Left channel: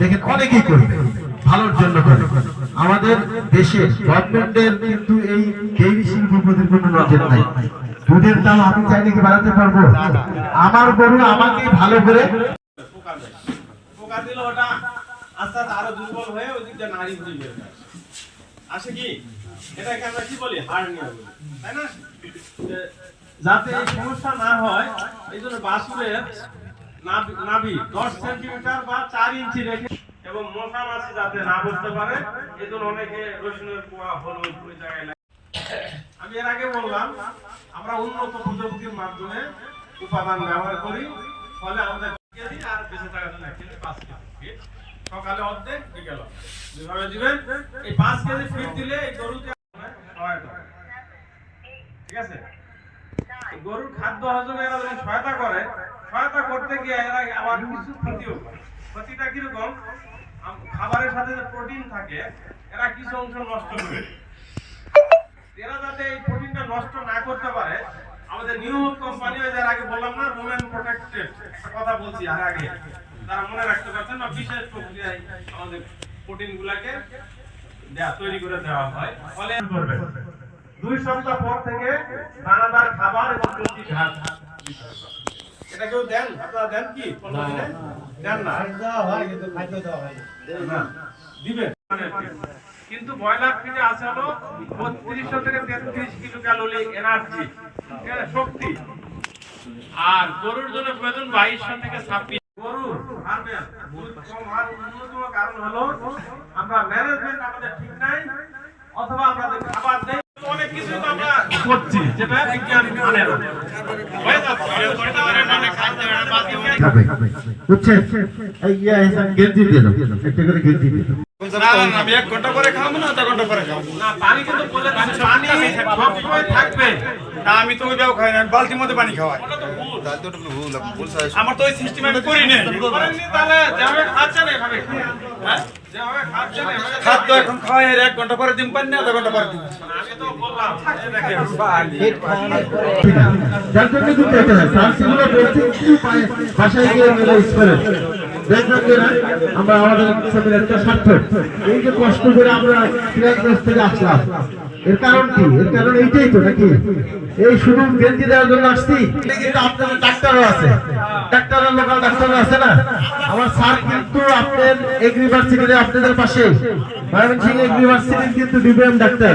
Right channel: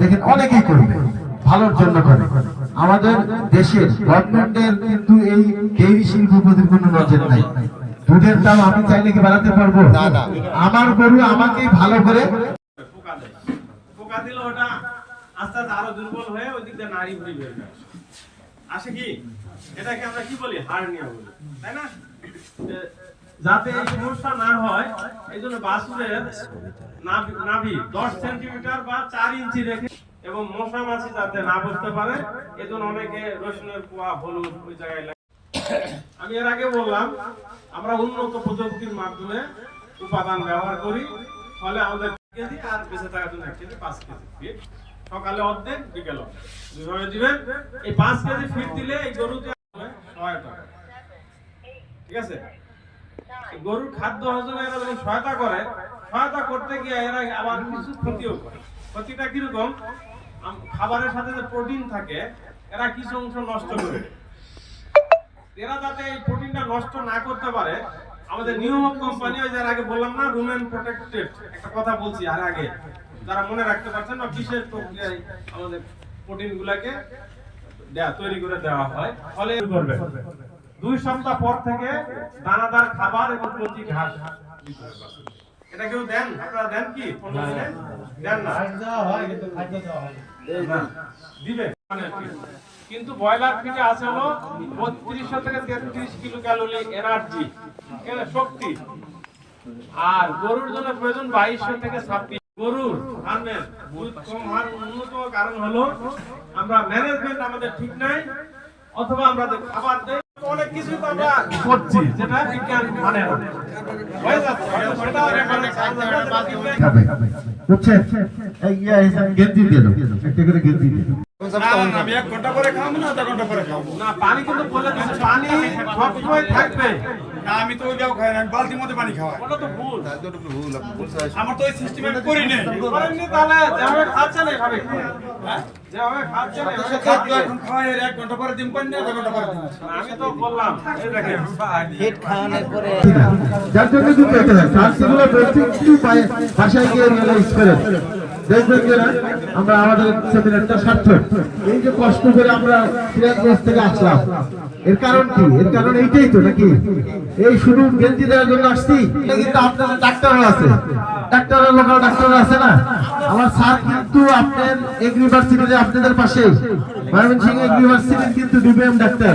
দেখেন অনেকেই করবে, ভালোর জন্য করে। আমাদের দেশের গভর্নমেন্টের কিন্তু এই ডেইরি শিল্প প্রতি কোনো নজর নাই। দুধের দাম আমি চাইলে কি বাড়াতে পারব? আমার গরু আমাকেই ভালো করে ওটা। আস্তে আস্তে আরও দুর্বল হয়ে ওই দিকটা নারী হয় আসে কি? এটাকে আমরা কি বলি? হার্নিয়া বলি। তাই না? যাতে এই সমস্যা না হয়, এই জন্য বাসুরের নাভি- দশ সেন্টিমিটার বা চার ইঞ্চি রেখে এবং মশা মাছি যাতে না বসতে পারে, এই জন্য অনেকে রসুনের পোয়া, হলুদ, ওই জায়গায় আমি এর আগে বললাম, আমরা উন্নত প্রযুক্তির মাধ্যমে উপাদান ব্যবহার করি, ফলে আমাদের আর বেঁচে থাকার জন্য পাঁচ কেজি। সকালে অর্ধেক, বিকেল। যেভাবে দিবেন, এই পাঁচ কেজি ফিট দিলে এই গরুতে সহায়তা ঠিক আছে? গরুর খাদ্য হজমে এরা যখন সহায়তা করে, সহায়তা করতে গিয়ে এরা আবার কিছু ক্ষতিও করে। ক্ষতিটা কীরকম? খাবারের সাথে যে প্রোটিন থাকে, এরা কিছু অংশ নষ্ট করে এরা যাতে এই প্রোটিনটা নষ্ট না করতে পারে, আমাদের নিউ কোম্পানি আগে বললাম না রুমেন প্রোটেক্টেড, একটা কথা বলছি, আর আগে। যারা মনে রাখতে পারছেন না বিশেষ প্রক্রিয়ায় আমাদের প্রোটিন গুলাকে তৈরি করে দেওয়া হয়। ফলে করবে। দুই সপ্তাহ পর থেকে দানাদার খাবার এবং প্রতি ঘাস এটা কেউ দেন? আপনারা দেন কি? পনেরো দিনে? দেন না? না, দিবে মানে কিন্তু ব্রয়লার ফিটে আছে হলো বত্রিশশো থেকে তেত্রিশ কিলো ক্যালোরি এনার্জি শক্তি। আর গরুর জন্য প্রয়োজন বাইশশো থেকে ছাব্বিশ গরুর ফার্মের দুধ কম হওয়ার অন্যতম কারণ হলো আমরা ম্যানেজমেন্ট আমাদের ঠিক নাই অথবা আমরা খাবার দেই অনেক কিছু তো আমরা করছি যেটা বিজ্ঞান মানে না। আমি এক ঘণ্টা পরে খাব না আধা ঘণ্টা পরে খাব। না পানি কিন্তু বলে পানি সব সময় থাকবে। না আমি তো ওই খাই না আমি বালতির মধ্যে পানি খাওয়াই। ওটা তো ভুল আমার তো ওই সিস্টেম আমি করি না খাদ্য এখন খাওয়াই আর এক ঘণ্টা পরে দিন পানি না আধা ঘণ্টা পরে দিন। আমি তো বললাম এই দেখেন যার জন্য কিন্তু এটা হয় সার্সিগুলো বলছি বাসায় গিয়ে মেলে ইউজ করেন আমরা আমাদের সেমিনারটা সার্থক এই যে কষ্ট করে আমরা আসলাম, এর কারণ কি? এর কারণ এইটাই তো নাকি? এই শুধু গেঞ্জি দেওয়ার জন্য আসছি? কিন্তু আপনাদের ডাক্তারও আছে। ডাক্তারও লোকাল ডাক্তারও আছে না? আমার স্যার কিন্তু আপনার এগ্রিভার্সিটিতে আপনাদের পাশে। ময়মনসিংহ এগ্রিভার্সিটির কিন্তু ডিবিএম ডাক্তার।